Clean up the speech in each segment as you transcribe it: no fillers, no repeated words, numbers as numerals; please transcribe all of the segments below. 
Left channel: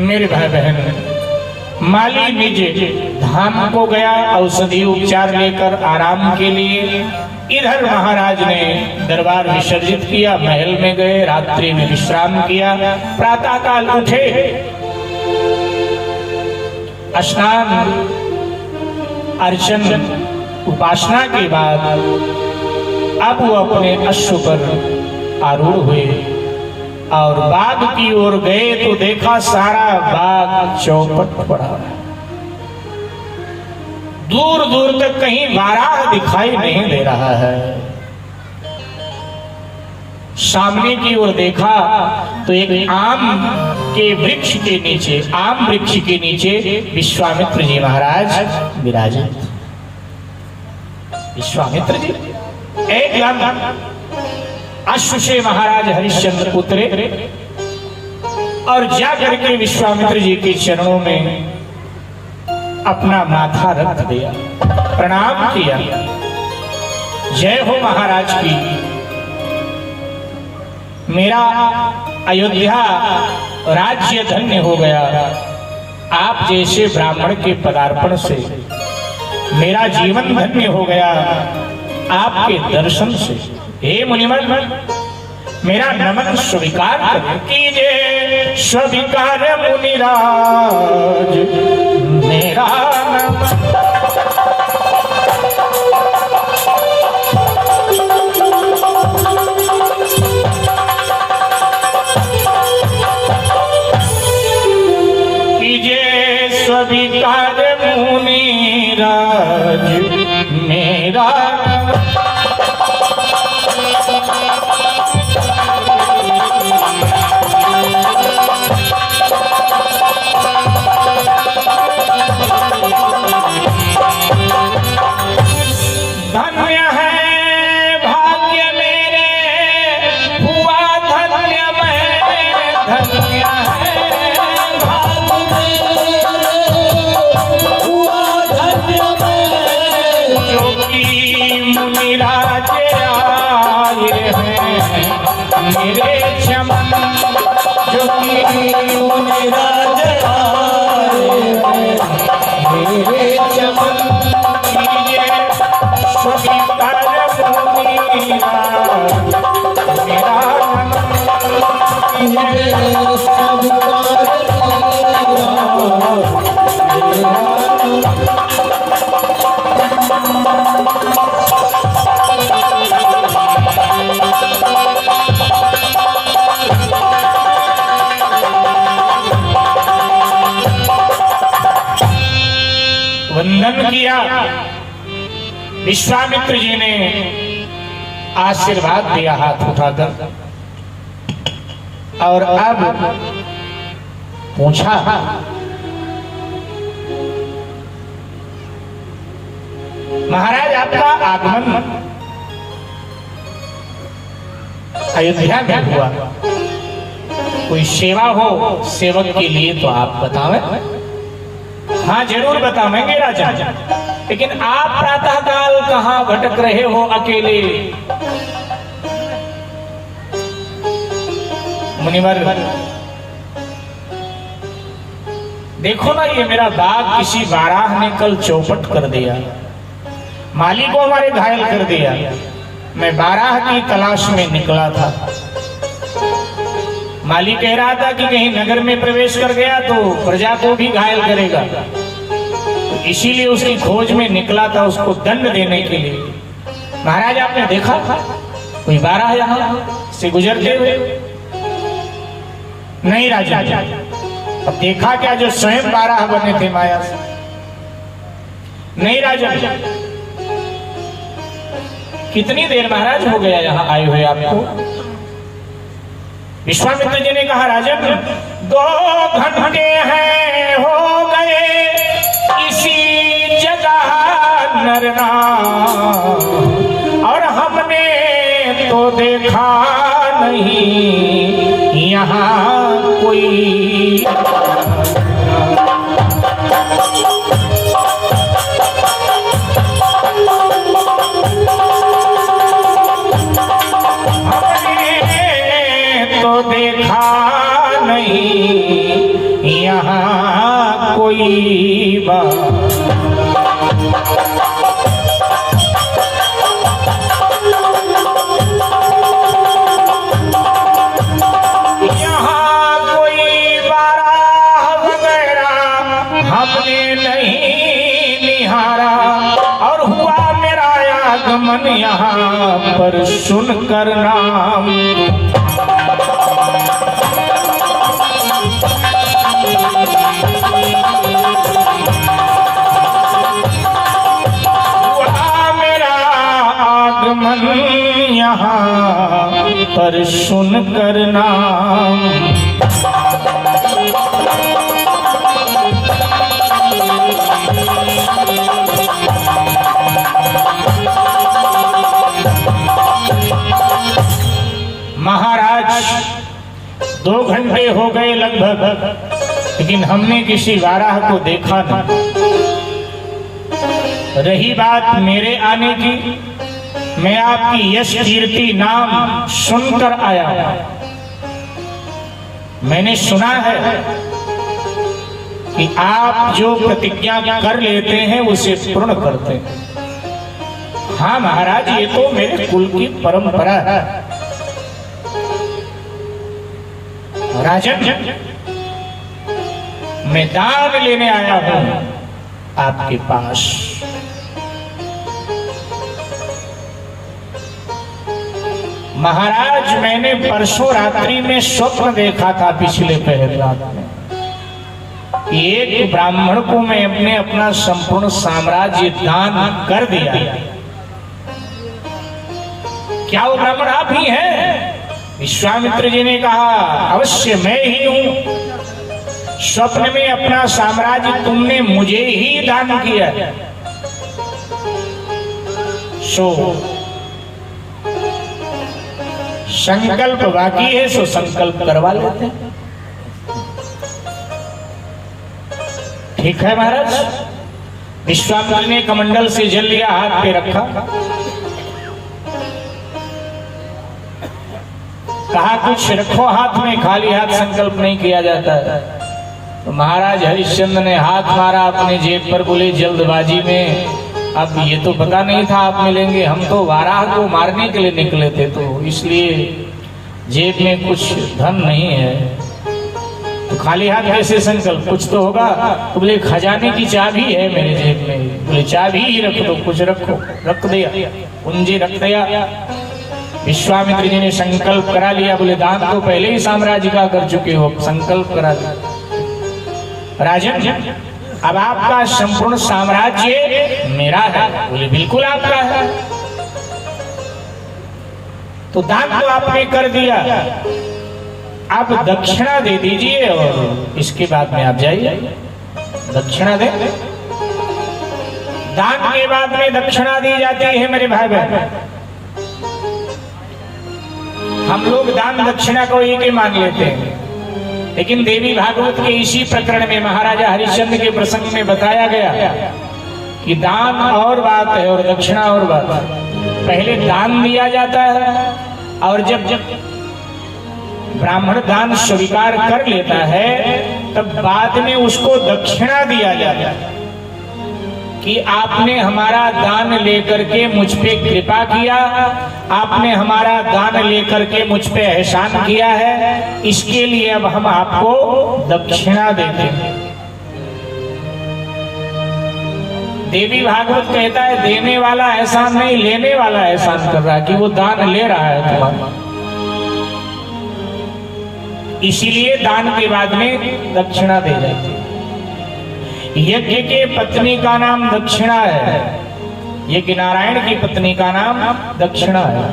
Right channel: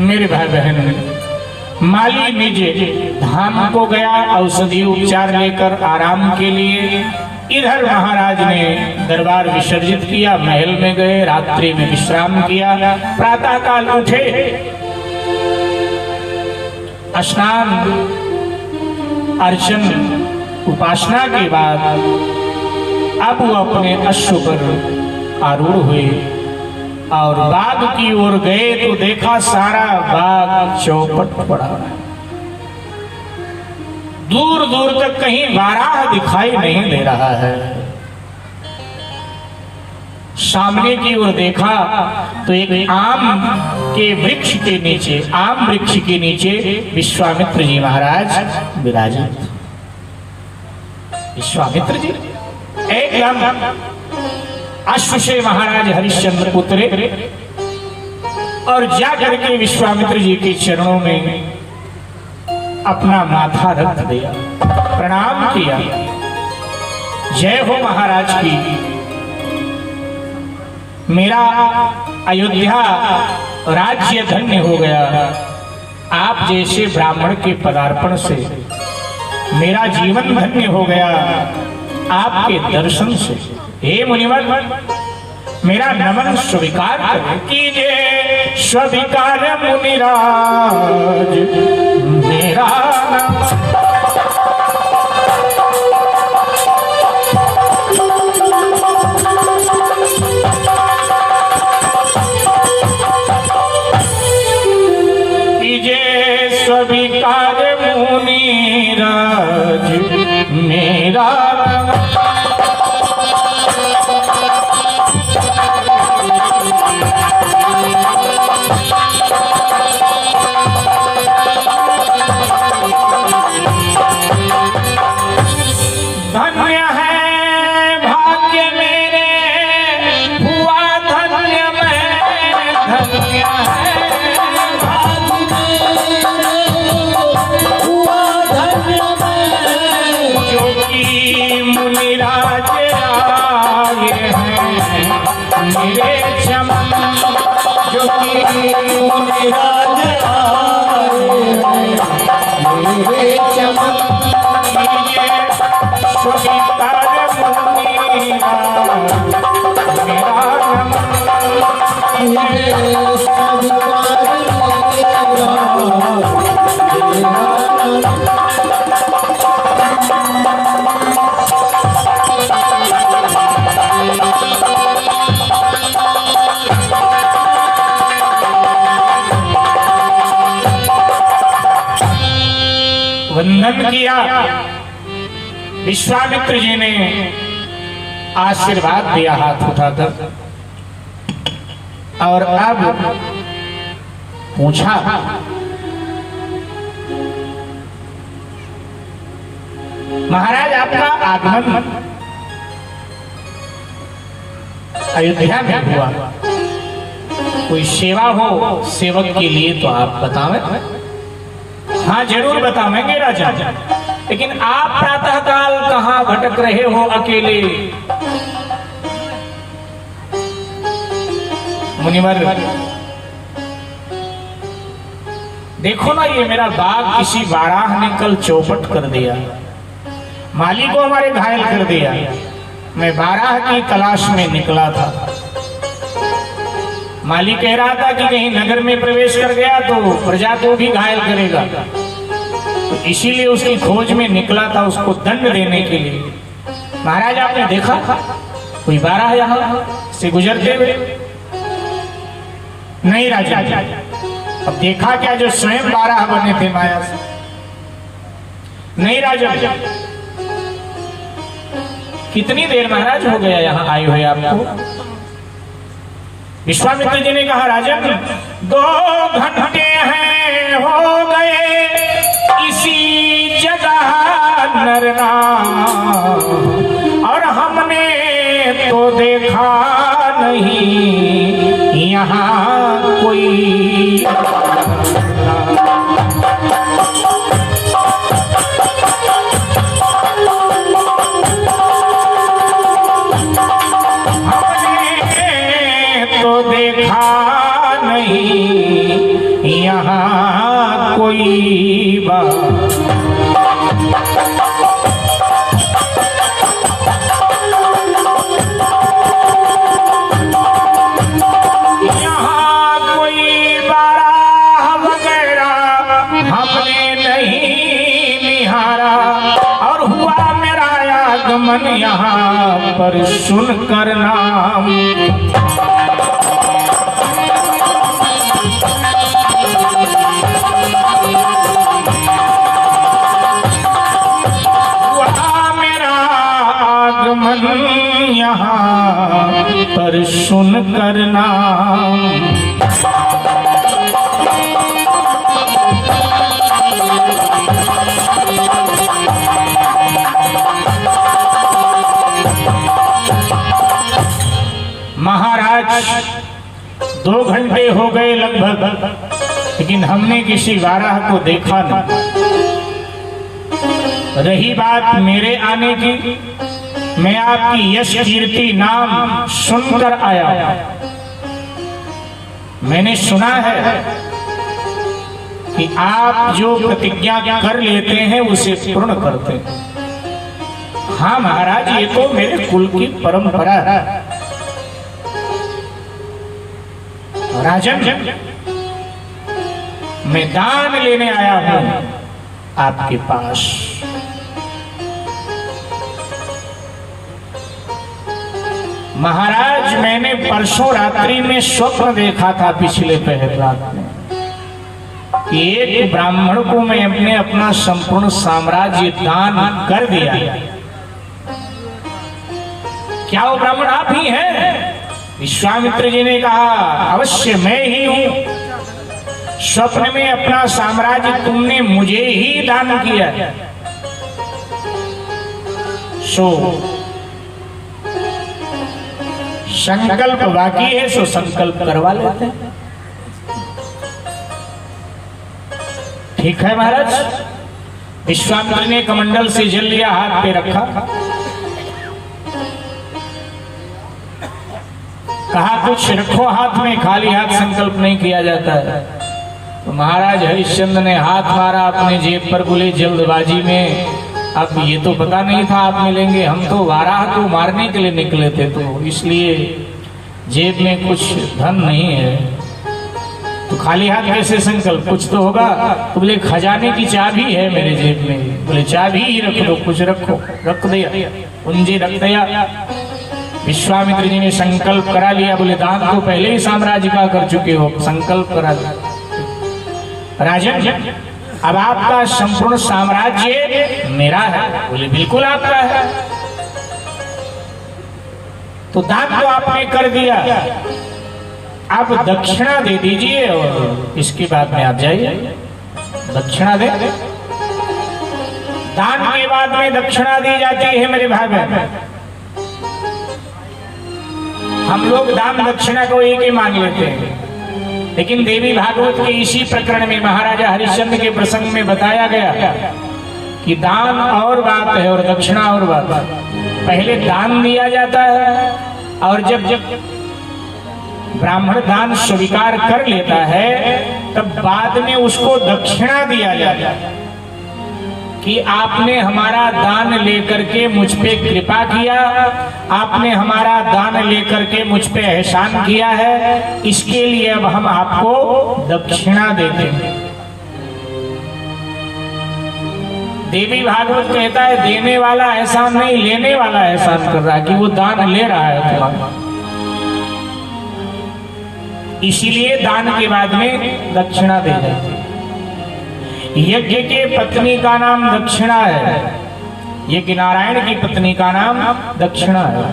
मेरे भाई बहन, माली निज धाम को गया औषधि उपचार लेकर आराम के लिए। इधर महाराज ने दरबार विसर्जित किया, महल में गए, रात्रि में विश्राम किया। प्रातः काल उठे, स्नान अर्चन उपासना के बाद अब वो अपने अश्व पर आरूढ़ हुए और बाग की ओर गए तो देखा सारा बाग चौपट पड़ा। दूर दूर तक कहीं बारह दिखाई नहीं दे रहा है। सामने की ओर देखा तो एक आम के वृक्ष के नीचे, आम वृक्ष के नीचे विश्वामित्र जी महाराज विराजित। विश्वामित्र जी एकदम अश्व से महाराज हरिश्चंद्र उतरे और जाकर के विश्वामित्र जी के चरणों में अपना माथा रख दिया, प्रणाम किया। जय हो महाराज की, मेरा अयोध्या राज्य धन्य हो गया। आप जैसे ब्राह्मण के पदार्पण से मेरा जीवन धन्य हो गया, आपके दर्शन से। हे मुनिवर, मेरा नमन स्वीकार करें। कीजिए स्वीकार मुनिराज मेरा नमन। कीजिए स्वीकार मुनिराज मेरा धन्य है भाग्य मेरे, हुआ धन्य मैं। धन्य है भाग्य मेरे, हुआ धन्य मैं। जो कि मुनिराज आए हैं मेरे चमन, जो कि मुनिराज आए हैं मेरे चमन। स्वीकार मुनिराज मेरा नमन। वंदन किया। विश्वामित्र जी ने आशीर्वाद दिया हाथ उठाकर और अब पूछा, महाराज आपका आगमन अयोध्या में हुआ, कोई सेवा हो सेवक के लिए तो आप बतावें। हाँ जरूर बतावेंगे राजा, लेकिन आप प्रातः काल कहां भटक रहे हो अकेले? मुनिवर, देखो ना, ये मेरा बाग किसी बाराह ने कल चौपट कर दिया, माली को हमारे घायल कर दिया। मैं बाराह की तलाश में निकला था। माली कह रहा था कि कहीं नगर में प्रवेश कर गया तो प्रजा को भी घायल करेगा, तो इसीलिए उसकी खोज में निकला था, उसको दंड देने के लिए। महाराज आपने देखा कोई बाराह यहाँ से गुजरते हुए? नहीं राजा। अब देखा क्या, जो स्वयं बाराह बने थे माया से? नहीं राजा। कितनी देर महाराज हो गया यहाँ आए हुए आपको? विश्वामित्र जी ने कहा, राजन 2 घंटे हैं हो गए इसी जगह नरना, और हमने तो देखा नहीं यहाँ कोई। तो देखा नहीं यहाँ कोई बात। यहाँ कोई बाराह वगैरह हमने नहीं निहारा और हुआ मेरा आगमन यहाँ पर सुनकर नाम। हुआ मेरा आगमन यहाँ पर सुनकर नाम। महाराज 2 घंटे हो गए लगभग, लेकिन हमने किसी वाराह को देखा नहीं। रही बात मेरे आने की, मैं आपकी यश कीर्ति नाम सुनकर आया। मैंने सुना है कि आप जो प्रतिज्ञा कर लेते हैं उसे पूर्ण करते हैं। हाँ महाराज, ये तो मेरे कुल की परंपरा है। राजन, मैं दान लेने आया हूं आपके पास। महाराज, मैंने परसों रात्रि में स्वप्न देखा था, पिछले पहर रात में, कि एक ब्राह्मण को मैं अपना संपूर्ण साम्राज्य दान कर दिया। क्या वो ब्राह्मण आप ही हैं? विश्वामित्र जी ने कहा, अवश्य मैं ही हूं। स्वप्न में अपना साम्राज्य तुमने मुझे ही दान किया। सो संकल्प बाकी है, सो संकल्प करवा लेते हैं। ठीक है महाराज। विश्वामित्र ने कमंडल से जल लिया, हाथ पे रखा, कहा कुछ रखो हाथ में, खाली हाथ संकल्प नहीं किया जाता है। तो महाराज हरिश्चंद्र ने हाथ मारा अपने जेब पर, बोले जल्दबाजी में अब ये तो पता नहीं था आप मिलेंगे, हम तो वाराह को मारने के लिए निकले थे, तो इसलिए जेब में कुछ धन नहीं है। तो खाली हाथ कैसे संकल्प, कुछ तो होगा। तो बोले खजाने की चाबी है मेरे जेब में। बोले चाबी ही रख दो, कुछ रखो। रख दिया, कुंजी रख दिया। विश्वामित्र जी ने संकल्प करा लिया। बोले दान तो पहले ही साम्राज्य का कर चुके हो, संकल्प करा लिया। राजन, अब आपका संपूर्ण साम्राज्य मेरा है। बोले बिल्कुल आपका है। तो दान तो आपने कर दिया, आप दक्षिणा दे दीजिए और इसके बाद में आप जाइए। दक्षिणा दे। दान के बाद में दक्षिणा दी जाती है मेरे भाई बहन। हम लोग दान दक्षिणा को एक ही मान लेते हैं, लेकिन देवी भागवत के इसी प्रकरण में महाराजा हरिश्चंद्र के प्रसंग में बताया गया कि दान और बात है और दक्षिणा और बात है। पहले दान दिया जाता है और जब ब्राह्मण दान स्वीकार कर लेता है तब बाद में उसको दक्षिणा दिया जाता है कि आपने हमारा दान लेकर के मुझ पे कृपा किया, आपने हमारा दान लेकर के मुझ पे एहसान किया है, इसके लिए अब हम आपको दक्षिणा देते हैं। देवी भागवत कहता है देने वाला एहसान नहीं, लेने वाला एहसान कर रहा है कि वो दान ले रहा है तुम्हारा। इसीलिए दान के बाद में दक्षिणा दे जाती है। यज्ञ के पत्नी का नाम दक्षिणा है, यज्ञ नारायण की पत्नी का नाम दक्षिणा है।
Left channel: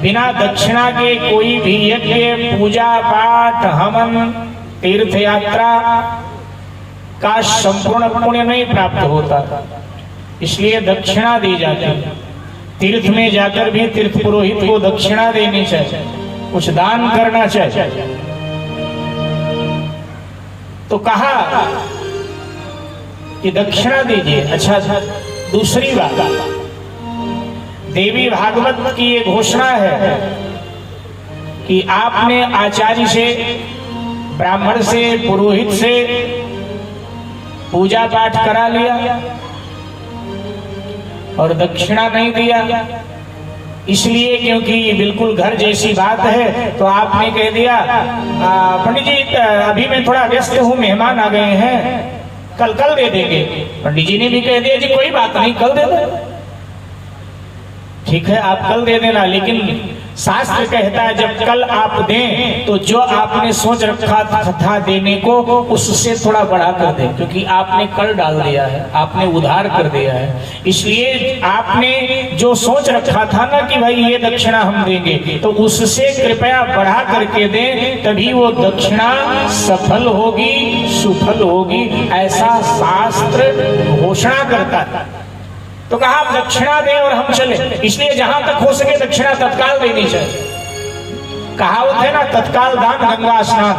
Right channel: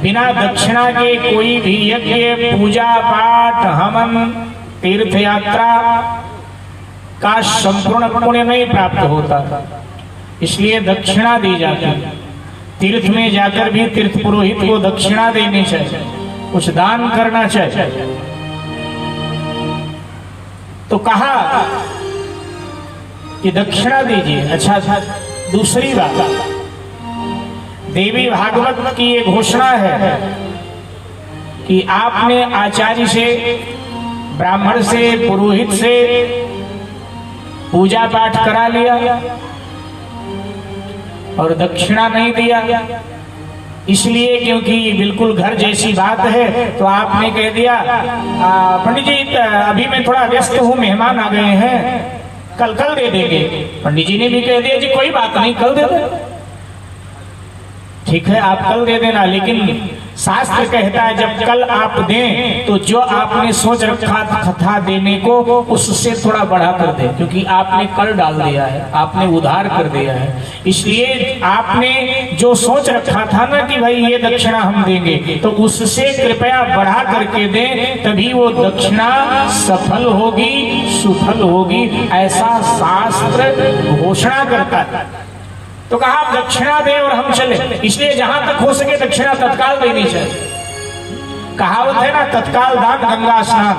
बिना दक्षिणा के कोई भी यज्ञ, पूजा पाठ, हवन, तीर्थ यात्रा का संपूर्ण पुण्य नहीं प्राप्त होता था। इसलिए दक्षिणा दी जाती है। तीर्थ में जाकर भी तीर्थ पुरोहित को दक्षिणा देनी चाहिए, कुछ दान करना चाहिए। तो कहा कि दक्षिणा दीजिए। अच्छा, दूसरी बात, देवी भागवत की ये घोषणा है कि आपने आचार्य से, ब्राह्मण से, पुरोहित से पूजा पाठ करा लिया और दक्षिणा नहीं दिया, इसलिए क्योंकि बिल्कुल घर जैसी बात है तो आपने कह दिया पंडित जी अभी मैं थोड़ा व्यस्त हूँ, मेहमान आ गए हैं, कल दे देंगे। पंडित जी ने भी कह दिया जी कोई बात नहीं, कल दे दो। ठीक है आप कल दे देना, लेकिन शास्त्र कहता है जब कल आप दें तो जो आपने सोच रखा था देने को उससे थोड़ा बढ़ा कर दें, क्योंकि आपने कर डाल दिया है, आपने उधार कर दिया है। इसलिए आपने जो सोच रखा था ना कि भाई ये दक्षिणा हम देंगे, तो उससे कृपया बढ़ा करके दें, तभी वो दक्षिणा सफल होगी, सुफल होगी, ऐसा शास्त्र घोषणा करता है। तो कहा आप दक्षिणा दें और हम चले, इसलिए जहां तक हो सके दक्षिणा तत्काल देनी चाहिए। कहावत है ना, तत्काल दान गंगा स्नान,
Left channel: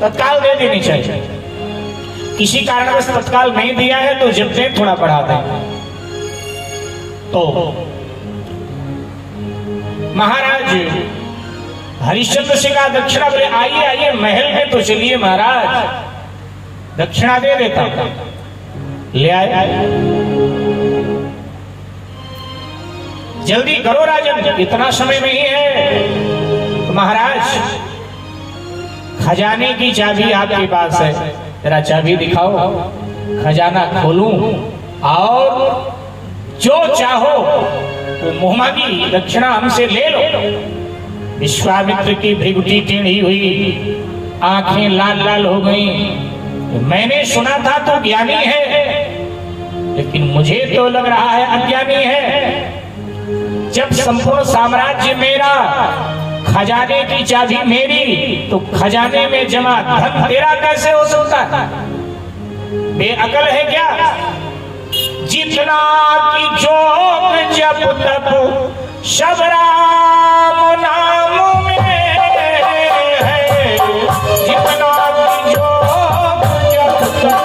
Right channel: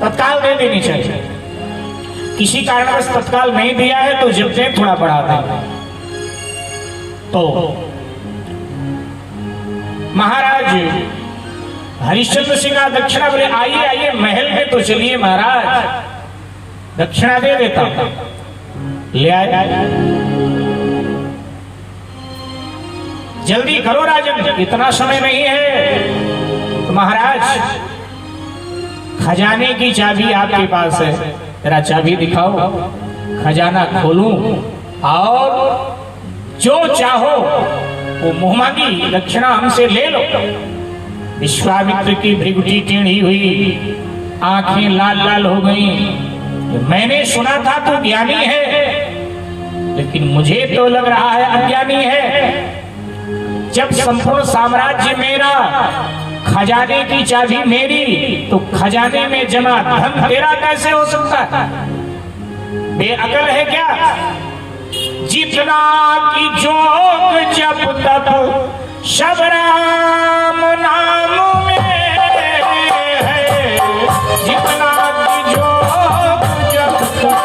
तत्काल दे देनी चाहिए। किसी कारणवश तत्काल नहीं दिया है तो जब दें थोड़ा बढ़ा दें। तो महाराज हरिश्चंद्र सिंह का दक्षिणा बोले आइए आइए महल में तो चलिए महाराज, दक्षिणा दे देता ले आए। जल्दी करो राजन, इतना समय नहीं है। तो महाराज खजाने की चाबी आपके पास है, जरा चाबी दिखाओ, खजाना खोलूं और जो चाहो वो मुंह मांगी दक्षिणा हमसे ले लो। विश्वामित्र की भृगुटी टेढ़ी हुई, आंखें लाल लाल हो गई। मैंने सुना था तो ज्ञानी है, लेकिन मुझे तो लग रहा है अज्ञानी है। जब संपूर्ण साम्राज्य मेरा, खजाने की चाबी मेरी, तो खजाने में जमा धन तेरा कैसे हो सकता था? बेअकल है क्या? जितना की जोग जब तब सब राम नाम में है, जितना की जोग जब तक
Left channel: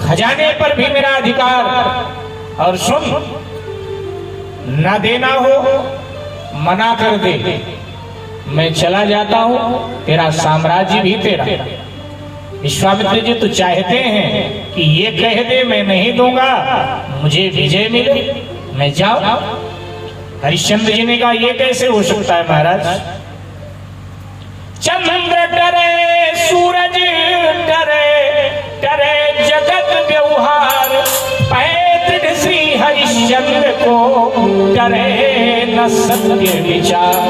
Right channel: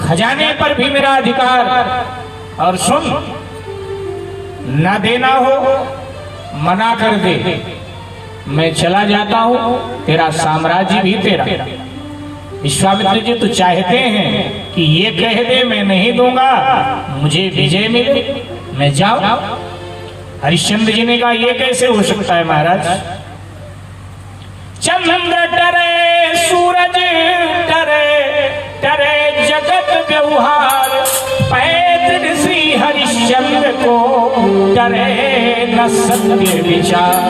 खजाने पर भी मेरा अधिकार। और सुन, न देना हो मना कर दे, मैं चला जाता हूं, तेरा साम्राज्य भी तेरा। विश्वामित्र जी तो चाहते हैं कि ये कह दे मैं नहीं दूंगा, मुझे विजय मिले, मैं जाऊं। हरिश्चंद्र जी ने कहा ये कैसे हो सकता है महाराज? चंद्र डरे, सूरज डरे, डरे जगत व्यवहार, पैतृ श्री हरिश्चंद्र को डरे न सत्य विचार।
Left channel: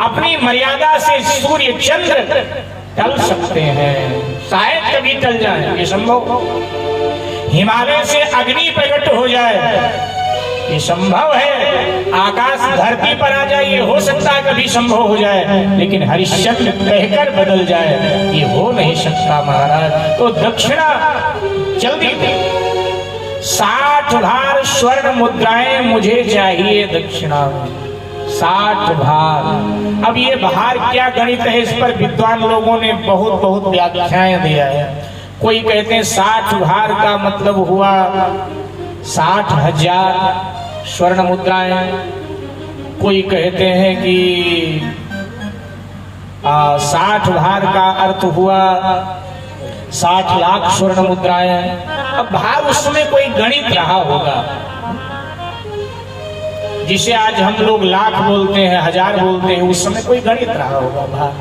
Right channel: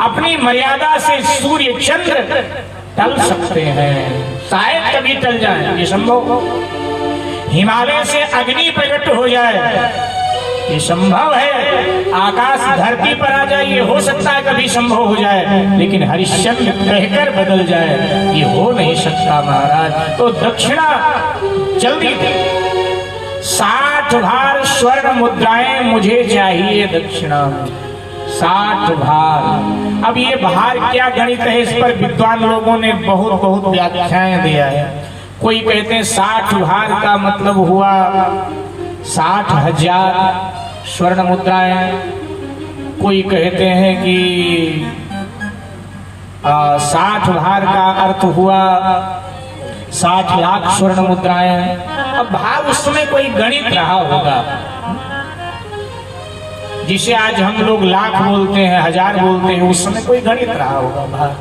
अपनी मर्यादा से सूर्य चंद्र टल सकते हैं, शायद कभी टल जाए, ये संभव। हिमालय से अग्नि प्रकट हो जाए, ये संभव है। आकाश धरती पर आ जाए, ये हो सकता है कभी संभव हो जाए, लेकिन हरिश्चंद्र कहकर बदल जाए, ये हो नहीं सकता महाराज। तो दक्षिणा जल्दी दे, 60 भार स्वर्ण मुद्राएं मुझे चाहिए दक्षिणा, 60 भार। अब ये भार क्या गणित है, इस पर विद्वान लोगों ने बहुत बहुत व्याख्याएं दिया है। कोई कहते हैं 60 भार का मतलब हुआ 60,000 स्वर्ण मुद्राएं, कोई कहते हैं कि 60 भार का अर्थ हुआ 60 लाख स्वर्ण मुद्राएं। अब भार उस समय कोई गणित रहा होगा, जिसे आज हम लोग लाख बोलते हैं, हजार बोलते हैं, उस समय कोई गणित रहा होगा भार।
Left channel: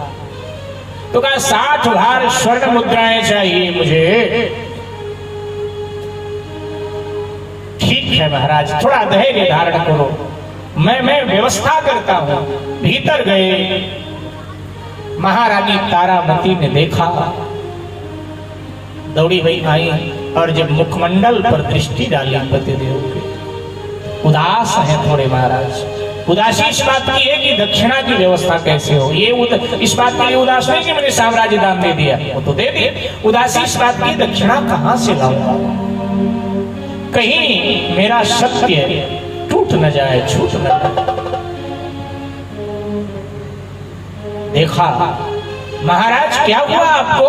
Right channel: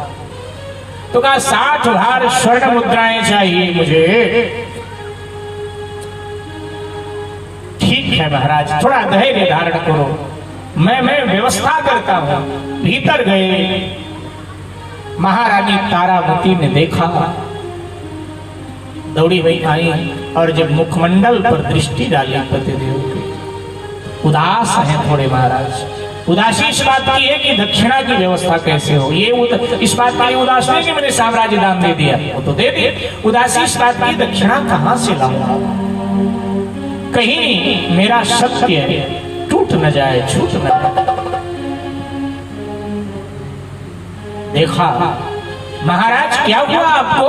तो कहा 60 भार स्वर्ण मुद्राएं चाहिए मुझे। ठीक है महाराज, थोड़ा धैर्य धारण करो, मैं व्यवस्था करता हूं। भीतर गए, महारानी तारामती ने देखा, दौड़ी हुई आई और जब मुखमंडल पर दृष्टि डाली पतिदेव के, उदास हैं थोड़े महाराज। उदासी इस बात की है कि दक्षिणा की व्यवस्था कैसे हो। ये इस बात के लिए उदास नहीं कि मैंने साम्राज्य दान दे दिया, वो तो दे दिए। उदासी इस बात की दक्षिणा कहां से लाऊंगा, कहीं मेरा सत्य टूट न जाए, छूट न जाए। देखा महाराज क्या हुआ आपको,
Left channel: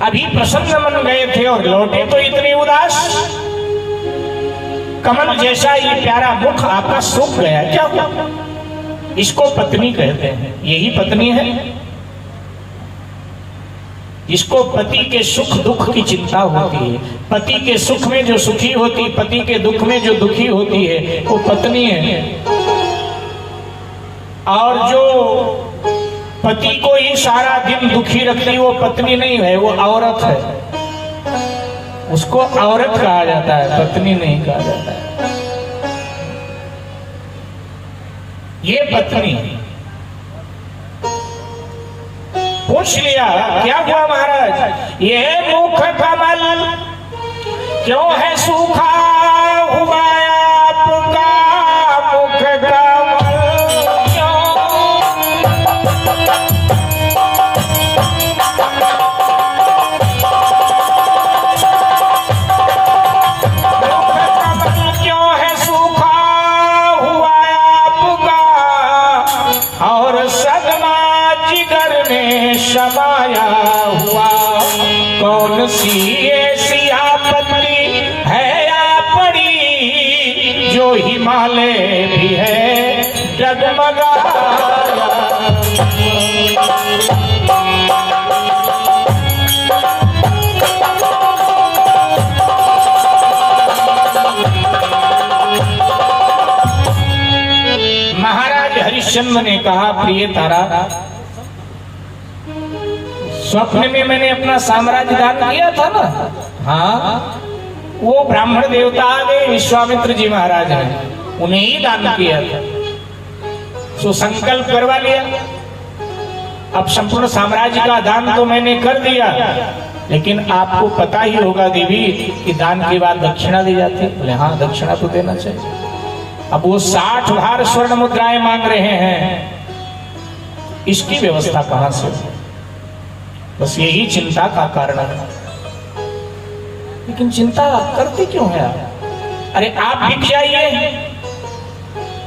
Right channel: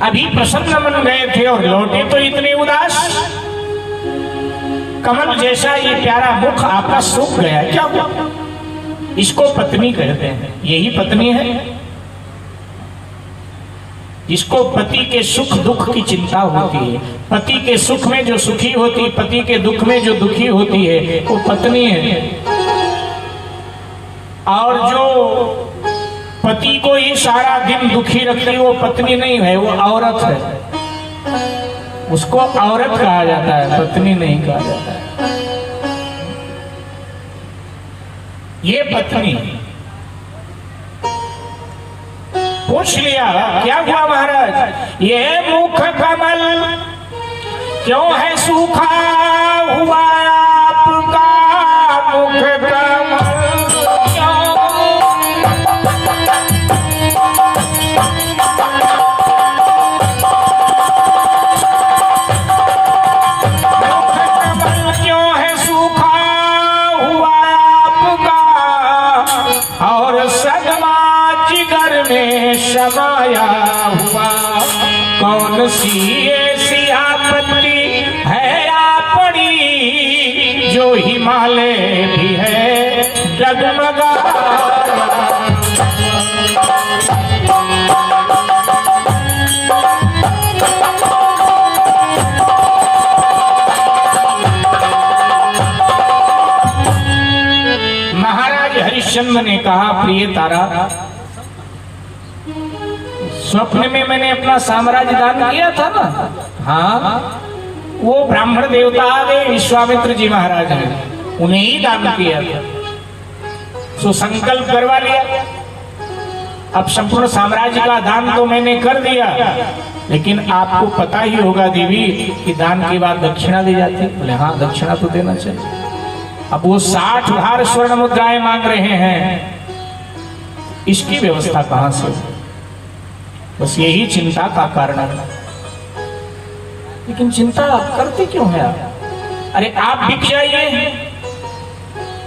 अभी प्रसन्न मन गए थे और लौटे तो इतने उदास। कमल जैसा ये प्यारा मुख आपका सूख गया, क्या हुआ? इसको पत्नी कहते हैं। यही पत्नी है जिसको पति के सुख दुख की चिंता होती है। पति के सुख में जो सुखी होती, पति के दुख में जो दुखी होती है, वो पत्नी है। और जो पति को ये सारा दिन दुखी रखती, वो पत्नी नहीं है, वो औरत है। उसको औरत कहा जाता है, पत्नी नहीं कहा जाता है। ये पत्नी। पूछ लिया क्या हुआ महाराज, ये मुख कमल क्यों है सूखा हुआ आपका मुख कमल। और सदमा जिगर में समाया हुआ, कौन सी ऐसी आपत्ति है आपड़ी, जो हिमालय भी है डगमगा। महाराज हरिश्चंद्र ने कहा, प्रिय तारा, स्वप्न में मैंने अपना साम्राज्य दान किया था ना। हाँ, वो ब्राह्मण देवता आ गए, विश्वामित्र जी महाराज ने उन्हें ही दान किया था। सो संकल्प करवा लिया, अब संपूर्ण साम्राज्य का दान तो मैंने कर दिया, लेकिन आपको पता ही होगा देवी कि दान के बाद दक्षिणा दी जाती। बोले हाँ, दक्षिणा तो देना चाहिए। अब वो 60 भार स्वर्ण मुद्राएं मांग रहे हैं, इसकी व्यवस्था कहां से? बस यही चिंता का कारण है। लेकिन चिंता करते क्यों है आप? अरे आप बिक जाइए,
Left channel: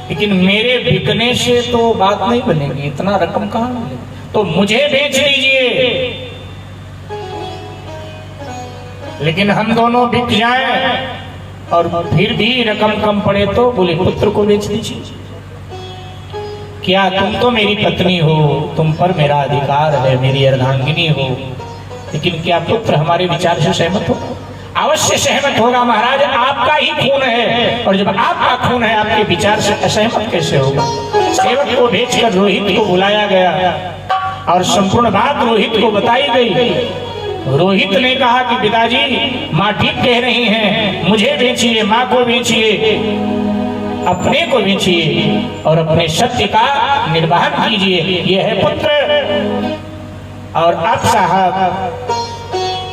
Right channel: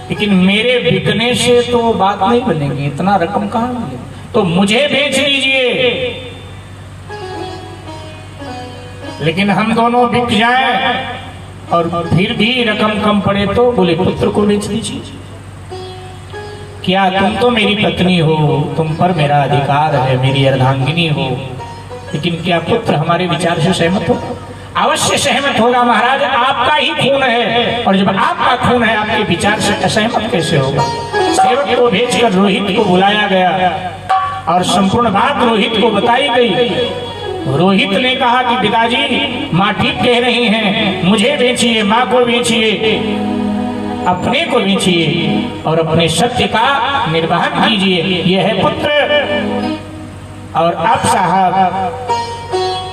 लेकिन मेरे बिकने से तो बात नहीं बनेगी, इतना रकम कहां मिलेगी, तो मुझे बेच लीजिए। लेकिन हम दोनों बिक जाएं और फिर भी रकम कम पड़े तो बोले पुत्र को बेच दीजिए। क्या तुम तो मेरी पत्नी हो, तुम पर मेरा अधिकार है, मेरी अर्धांगिनी हो, लेकिन क्या पुत्र हमारे विचार से सहमत हो? अवश्य सहमत होगा महाराज, आपका ही खून है, और जब आपका खून है आपके विचार से असहमत कैसे होगा? सेवक को भेजकर रोहित को बुलाया गया और संपूर्ण बात रोहित को बताई गई। रोहित ने कहा कि पिताजी, माँ ठीक कह रही हैं, मुझे बेचिए, माँ को बेचिए, अपने को बेचिए और अपने सत्य का निर्वाहन कीजिए। यह है पुत्र। और अब साहब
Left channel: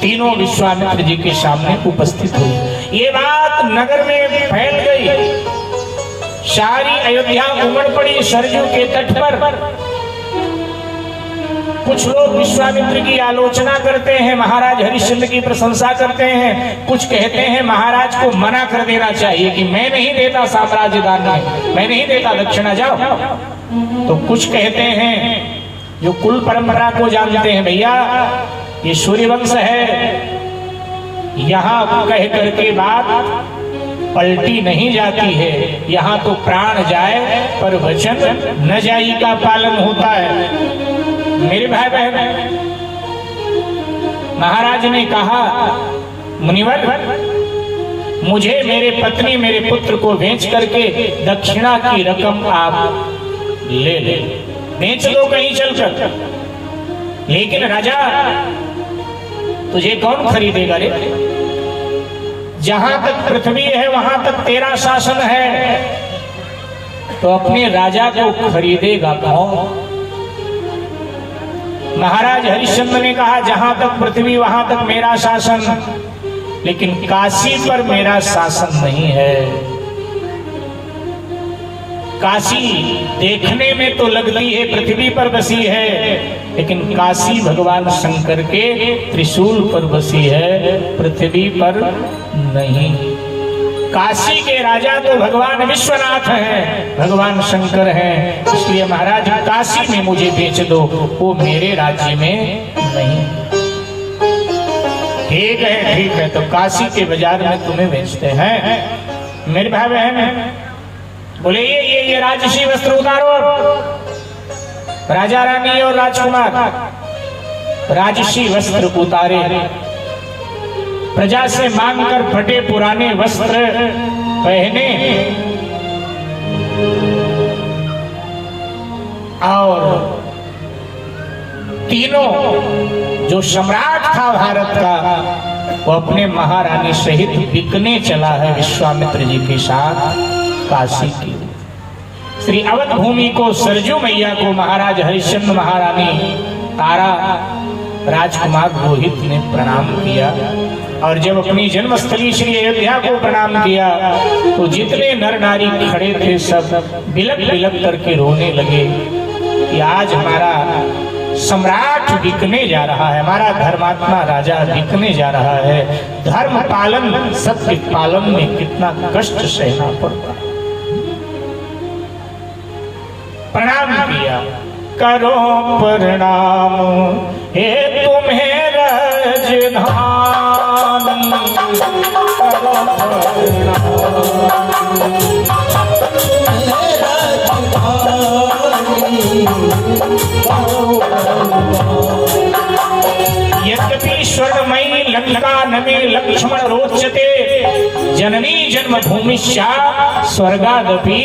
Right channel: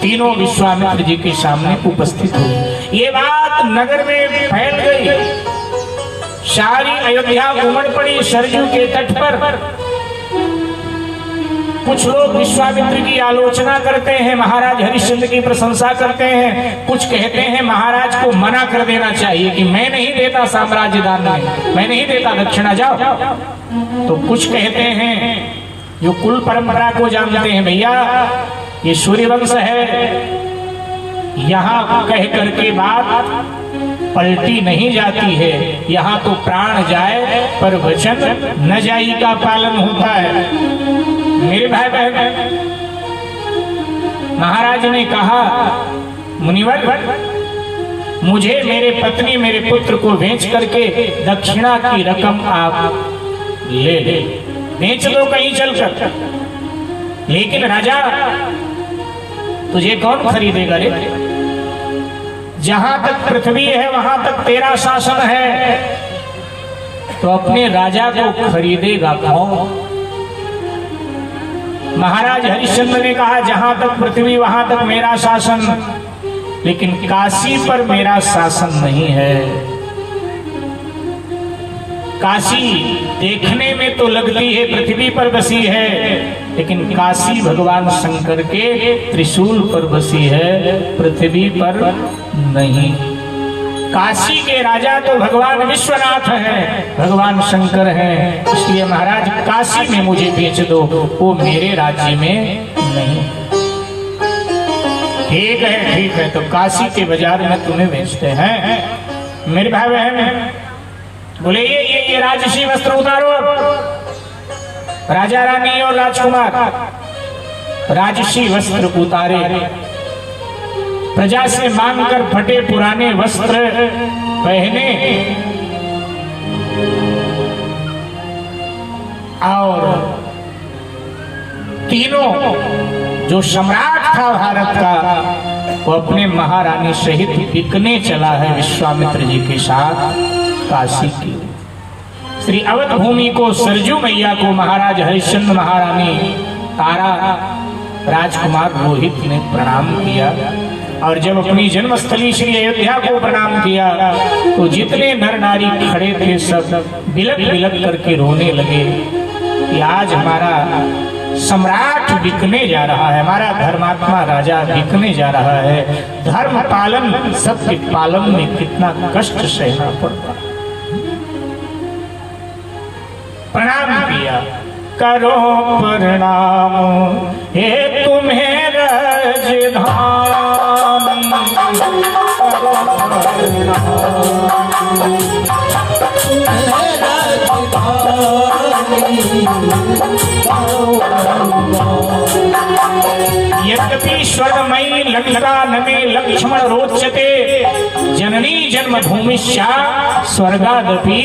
तीनों विश्वामित्र जी के सामने उपस्थित हुए। ये बात नगर में फैल गई, सारी अयोध्या उमड़ पड़ी सरजू के तट पर। कुछ लोग विश्वामित्र की आलोचना करते हैं, महाराज हरिश्चंद्र की प्रशंसा करते हैं। कुछ कहते हैं महाराज को मना कर देना चाहिए कि मैं नहीं देता साम्राज्य दान में, मैं नहीं देता दक्षिणा, जाओ। तो कुछ कहते हैं जो कुल परंपरा को जानते हैं, भैया ये सूर्यवंश है, यहाँ कह करके बात पलटी नहीं जाती है, यहाँ तो प्राण जाए पर वचन न जाई का पालन होता है। मेरे भाई बहन, महाराज ने कहा, मुनिवर मुझे मेरे पत्नी मेरे पुत्र को बेच करके दक्षिणा की रकम आप ले ले, बेच दो कहीं चलकर। लेकिन राजा, तुझे कौन खरीदेगा रे? जहां तक पृथ्वी है वहां तक तेरा शासन है, तो अपने राजा को खरीदेगा कौन? महाराज हरिश्चंद्र ने कहा, जहां तक पृथ्वी वहां तक मेरा शासन, लेकिन काशी पर मेरा शासन नहीं है। काशी देखने में तो लगती है पृथ्वी पर बसी है, लेकिन काशी भगवान शंकर के त्रिशूल पर बसी है, पृथ्वी पर नहीं। काशी के राजा तो भगवान विश्वनाथ हैं, भगवान शंकर हैं, इसलिए महाराज काशी में मुझे बेच दो, वो मेरे राज्य में नहीं। ठीक है, तो काशी के बाजार में तुम्हें बेचते हैं। मेरे भाई बहन बोले ये राजसी वस्त्र उतारो। राजा रानी और राजकुमार राजसी वस्त्र उतारे, प्रजा से मांगकर फटे पुराने वस्त्र पहने और तीनों जो सम्राट था भारत का, वो अपने महारानी सहित बिकने चला है विश्वामित्र जी के साथ काशी की। श्री अवध भूमि को, सरजू मैया को महाराज हरिश्चंद्र, महारानी तारा, राजकुमार रोहित ने प्रणाम किया। और जब अपनी जन्मस्थली श्री अयोध्या को प्रणाम किया तो जितने नर नारी खड़े थे सब बिलक बिलक करके रोने लगे कि आज हमारा सम्राट बिकने जा रहा है, हमारा धर्मात्मा राजा बिकने जा रहा है। धर्म पालन, सत्य पालन में कितना कष्ट सहना पड़ता। प्रणाम किया, करो प्रणाम हे तुम्हें राजधानी, करो यद्यपि स्वर्णमयी लंका नमे लक्ष्मण रोचते, जननी जन्मभूमि स्वर्गादपि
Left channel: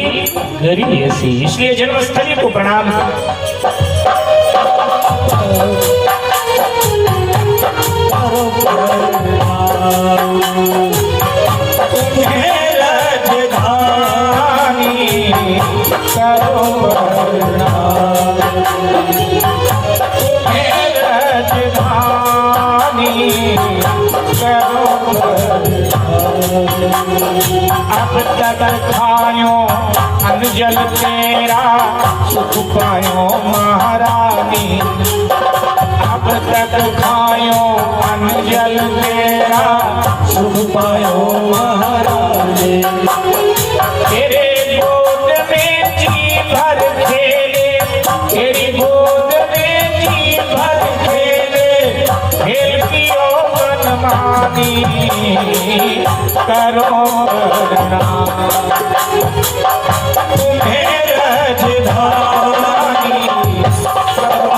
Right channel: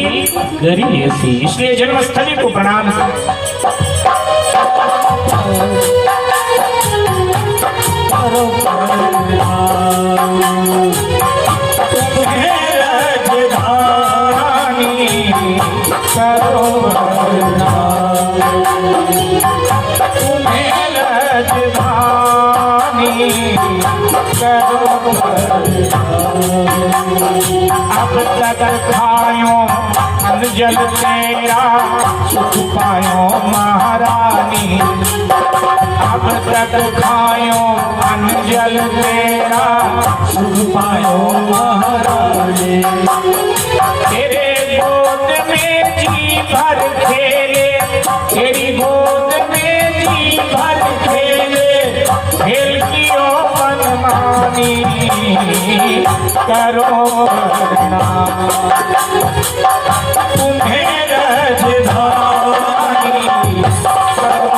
गरीयसी। इसलिए जन्मस्थली को प्रणाम अब तक खायो अन्न जल तेरा, सुख पायो महारानी। अब तक खायो अन्न जल तेरा, सुख पायो महारानी। तेरे गोद में जी भर खेले, तेरी गोद में जी भर खेले, खेल कियो मनमानी, करो तुम्हें राजधानी, करो